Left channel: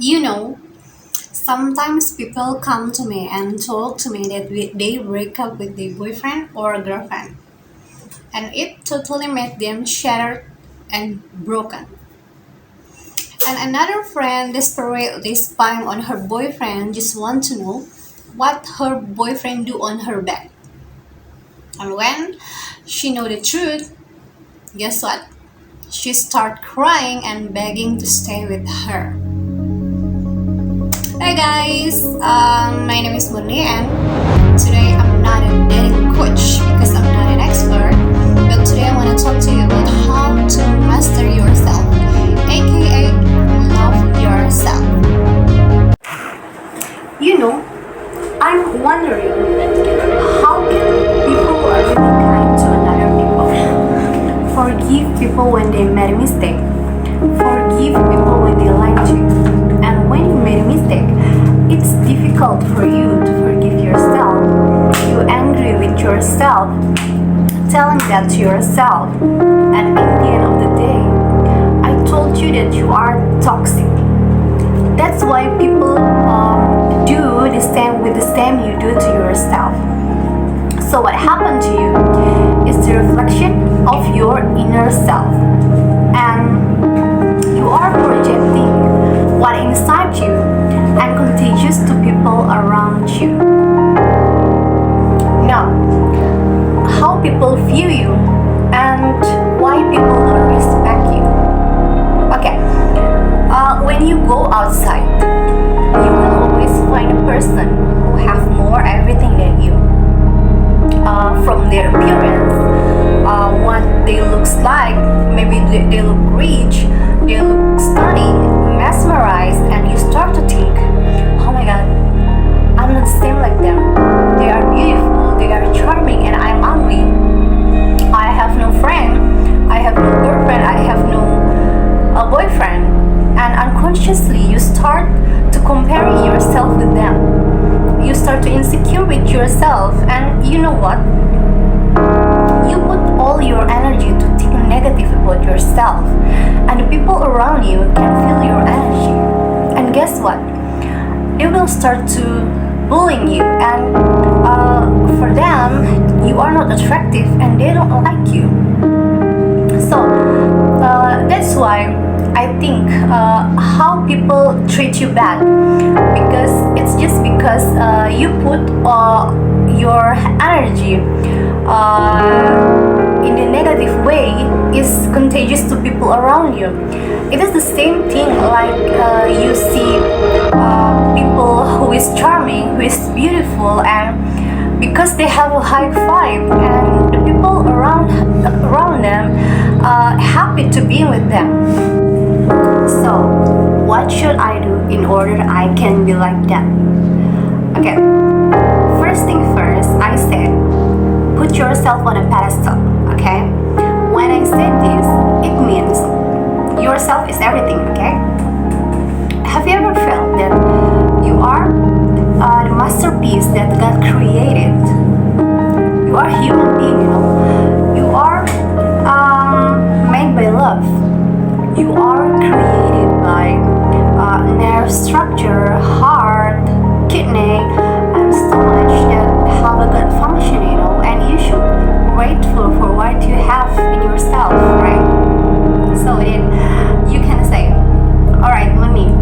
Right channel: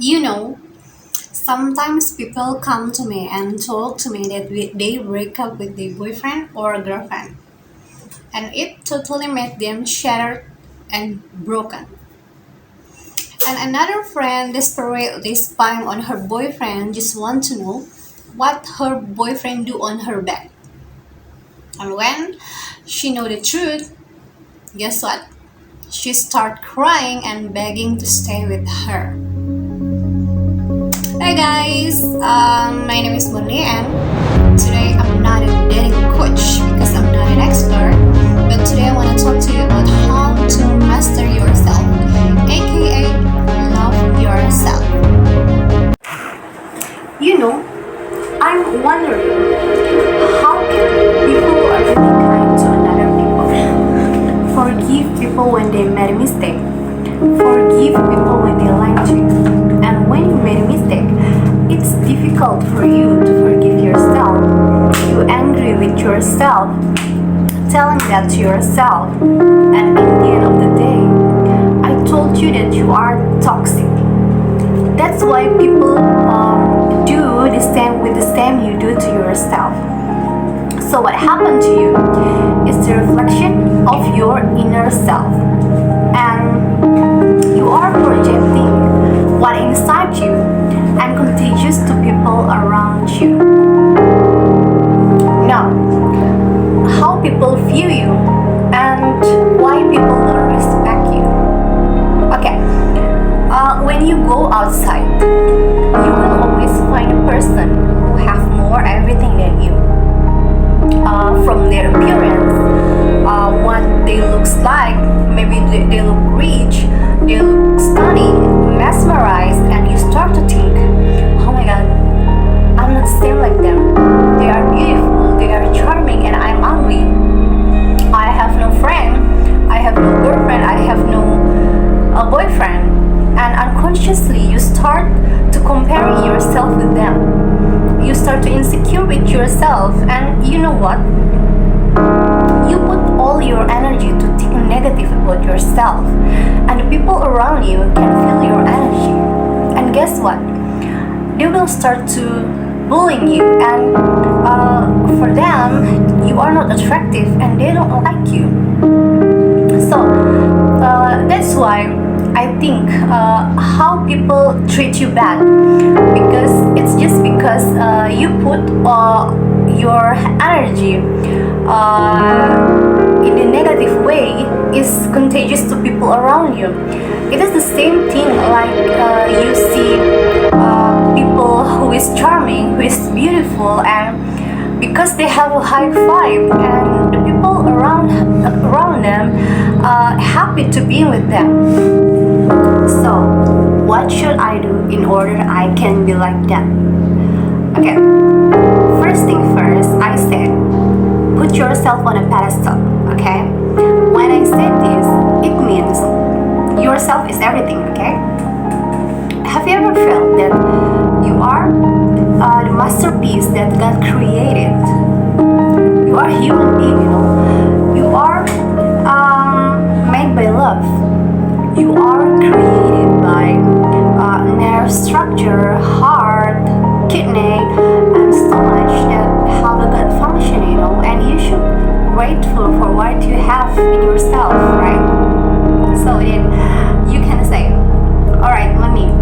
You know, sometimes people come to me and talk to me that they break up with their boyfriend or girlfriend, and it totally made them shattered and broken. And another friend desperately spying on her boyfriend just want to know what her boyfriend do on her back. And when she know the truth, guess what? She start crying and begging to stay with her. Hi guys, my name is Murni and today I'm not a dating coach because I'm not an expert, but today I want to talk to you about how to master yourself, aka love yourself. You know, I'm wondering how can people are really kind to another people? Forgive people when they made a mistake. Forgive people when they lied to you. And when you made a mistake, it's difficult for you to forgive yourself. You're angry with yourself, telling that to yourself. And in the end of the day, I told you that you are toxic. That's why people do the same with the same you do to yourself. So what happened to you is the reflection of your inner self. And you are projecting what inside you and contagious to people around you. Now, how people view you and why people don't respect you. Okay, when you go outside, you will always find a person who have more everything than you. From their appearance, what they looks like, maybe they look rich, they look stunning, mesmerized, and you start to think, oh my god, I'm not the same like them. They are beautiful, they are charming, and I'm ugly. I have no friend, I have no girlfriend, I have no boyfriend, and unconsciously you start to comparing yourself with them. You start to insecure with yourself, and you know what? You put all your energy to think negative about yourself, and the people around you can feel your energy. And guess what? They will start to bullying you, and for them, you are not attractive, and they don't like you. So that's why I think how people treat you bad, because it's just because you put your energy in the negative way is contagious to people around you. It is the same thing like you see people who is charming, who is beautiful, and because they have a high vibe, and the people around them happy to be with them. So, what should I do in order I can be like that? Okay, first thing first, I said, put yourself on a pedestal, okay? When I said this, it means yourself is everything, okay? Have you ever felt that you are the masterpiece that God created? You are a human being, you know? You are made by love. You are created by nerve structure, heart, kidney, and stomach that have a good function, you know, and you should grateful for what you have in yourself, right? So then you can say, all right, money,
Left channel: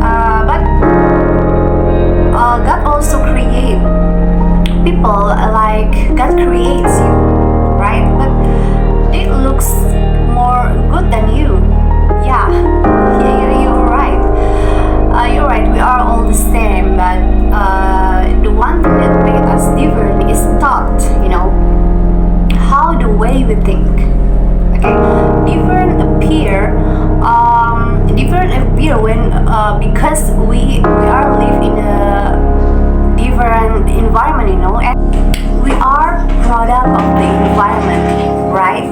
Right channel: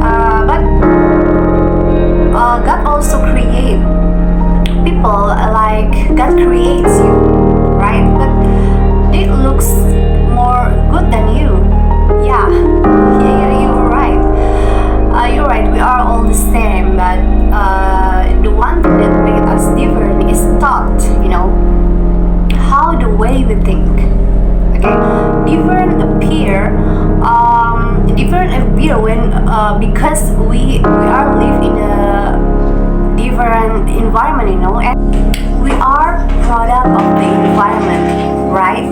but God also create people like God creates you, right? But they looks more good than you. Yeah, you're right. You're right. We are all the same, but the one thing that made us different is thought. You know, how the way we think. Okay, different appear when because we are live in a different environment. You know, and we are product of the environment, right?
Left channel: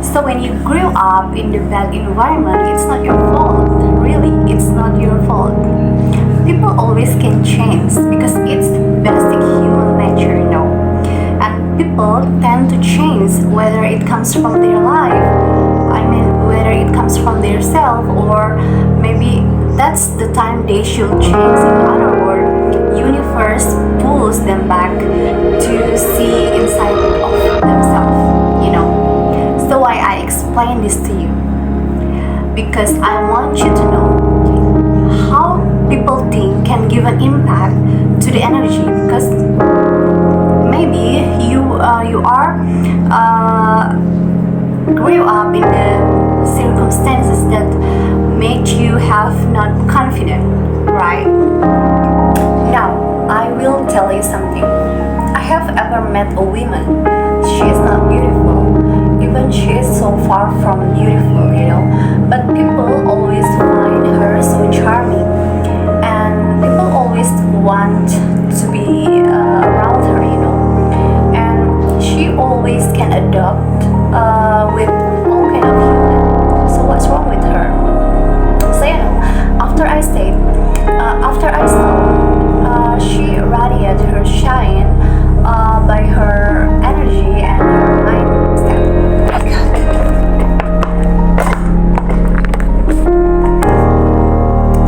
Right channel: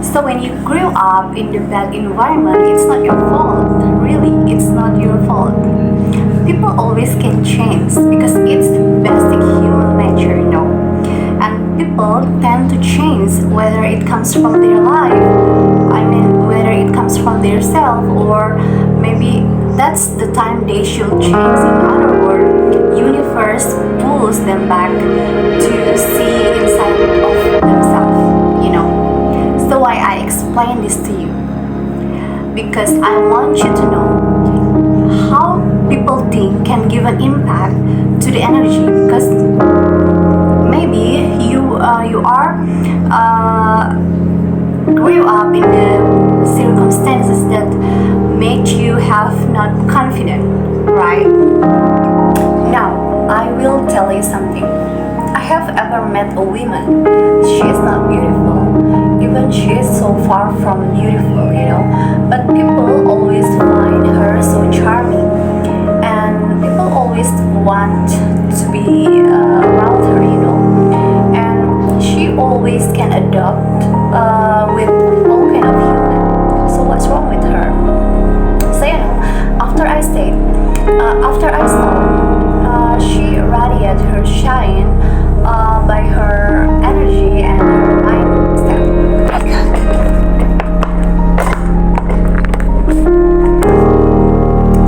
So when you grew up in the bad environment, it's not your fault. Really, it's not your fault. People always can change because it's basic human nature, you know. And people tend to change whether it comes from their life, I mean whether it comes from their self, or maybe that's the time they should change. In other words, universe pulls them back to see inside of themselves, you know. So why I explain this to you? Because I want you to know how people think can give an impact to the energy. Because maybe you are grew up in the circumstances that made you have not confident, right? Now I will tell you something. I have ever met a woman. She is not beautiful, even she is so far from beautiful, you know, but people always find her so charming, and people always want to be around her, you know, and she always can adopt with all kind of human. So what's wrong with her? So you know, after I saw she radiated her shine by her energy and her mindset. Oh my God.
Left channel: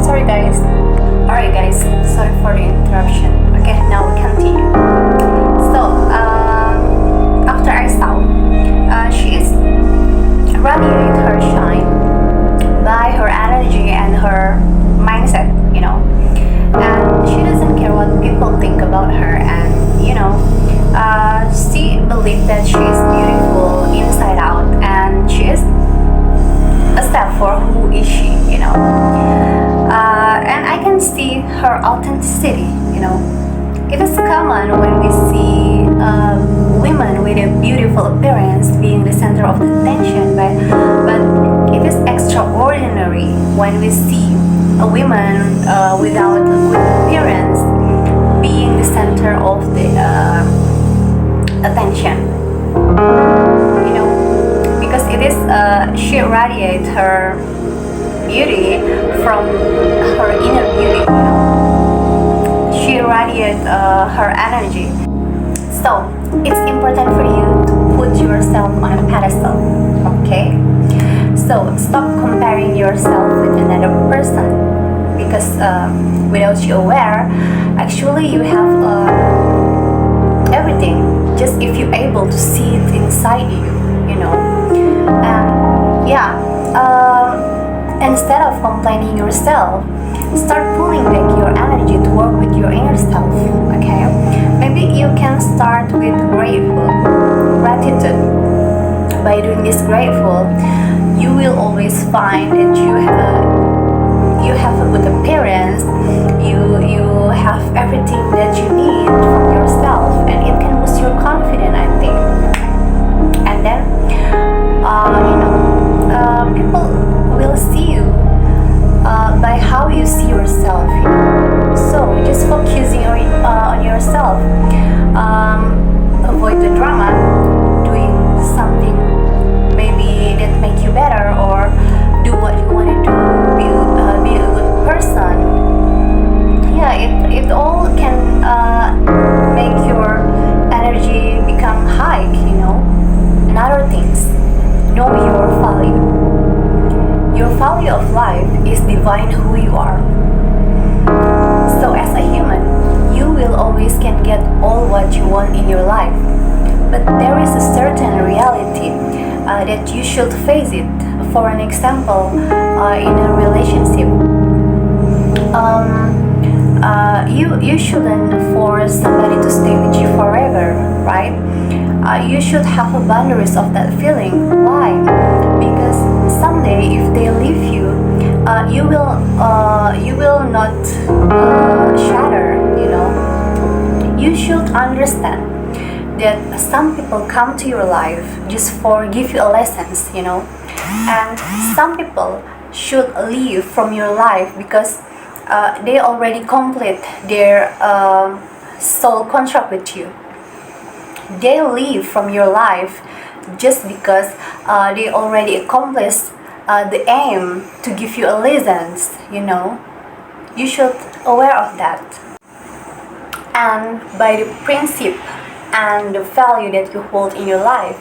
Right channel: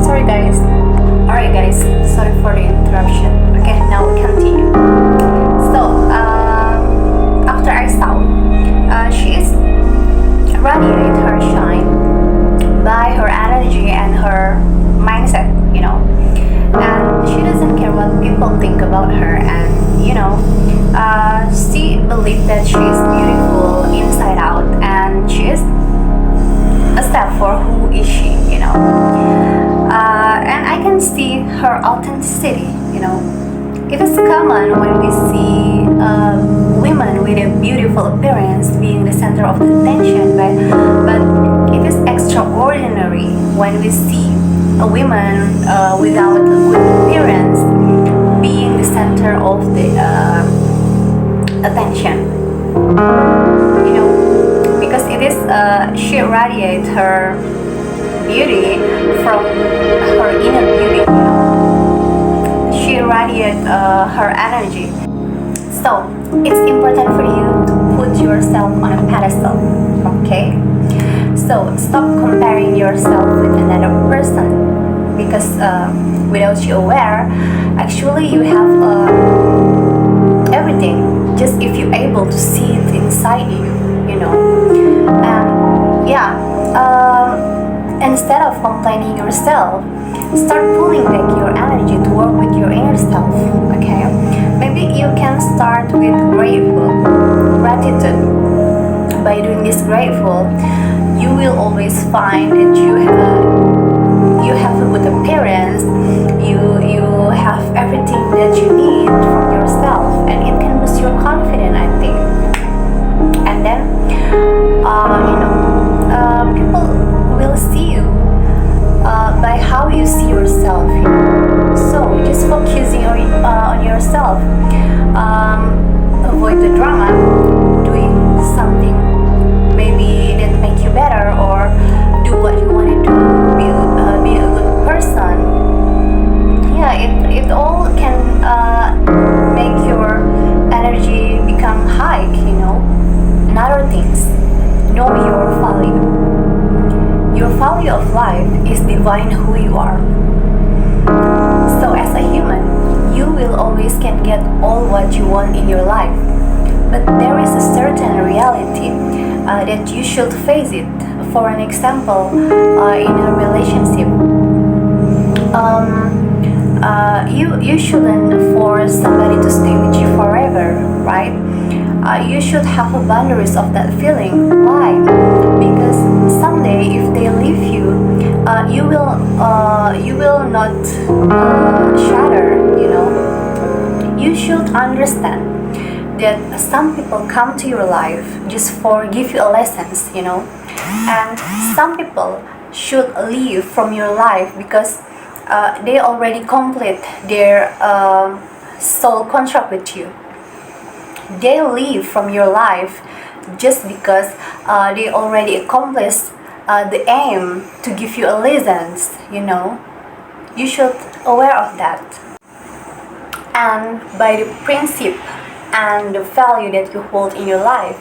Sorry guys. Alright guys, sorry for the interruption. Okay, now we continue. So after I saw she is radiate her shine by her energy and her mindset, you know, and she doesn't care what people think about her, and you know, she believes that she is beautiful inside out, and she is a step for who is she, you know. And I can see her authenticity, you know. It is common when we see women with a beautiful appearance being the center of the attention, but it is extraordinary when we see a woman without a good appearance being the center of the attention, you know, because it is she radiates her beauty from her inner beauty, you know. She radiates her energy. So it's important for you to put yourself on a pedestal, okay? So stop comparing yourself with another person, because without you aware, actually you have everything, just if you're able to see it inside you, you know. And yeah, instead of complaining yourself, start pulling back your energy to work with your inner self, okay? Maybe you can start with gratitude. By doing this grateful, you will always find that you have a good appearance, you have everything that you need from yourself, and it can boost your confidence, I think. And then you know, people will see you by how you see yourself, you know. So just focusing on yourself, avoid the drama, doing something maybe that make you better, or do what you want to do, being a good person. Yeah, it all can make your energy become high, you know. Another things, know your value. Your value of life is divine who you are. So as a human, you will always can get all what you want in your life, but there is a certain reality that you should face it. For an example, in a relationship, you shouldn't force somebody to stay with you forever, right? You should have a boundaries of that feeling. Why? Because someday if they leave you, you will not shatter, you know. You should understand that some people come to your life just for give you a lessons, you know, and some people should leave from your life because they already complete their soul contract with you. They leave from your life just because they already accomplished the aim to give you a lessons, you know. You should aware of that. And by the principle and the value that you hold in your life,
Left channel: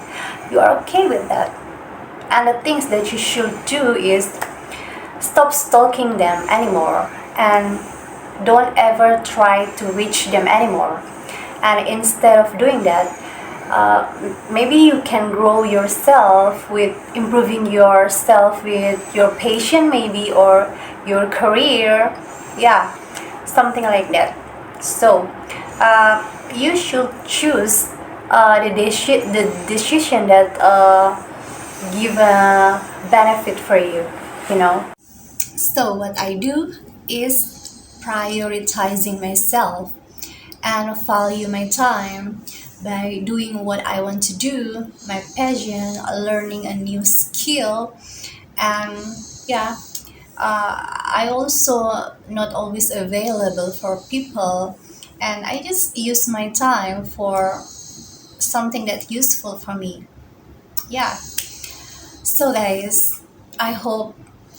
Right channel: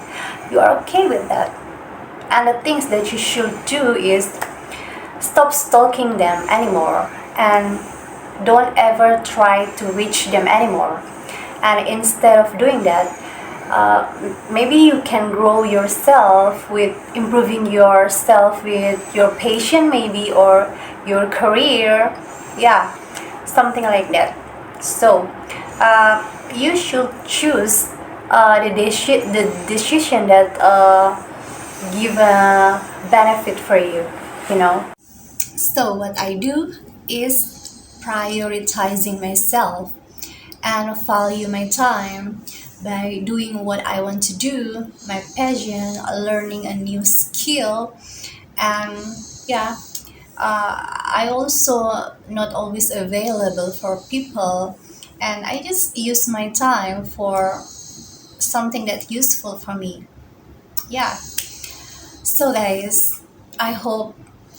you are okay with that. And the things that you should do is Stop stalking them anymore and don't ever try to reach them anymore. And instead of doing that, maybe you can grow yourself with improving yourself with your passion, maybe, or your career. Yeah, something like that. So you should choose the decision that give a benefit for you. So what I do is prioritizing myself and value my time by doing what I want to do, my passion, learning a new skill, and yeah, I also not always available for people, and I just use my time for something that's useful for me. Yeah. So guys, I hope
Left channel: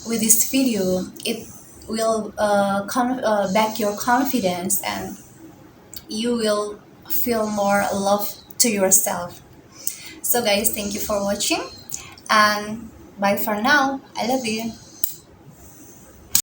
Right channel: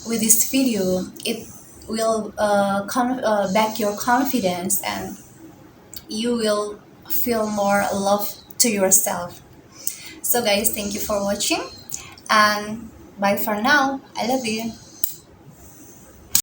with this video it will back your confidence and you will feel more love to yourself. So guys, thank you for watching and bye for now. I love you.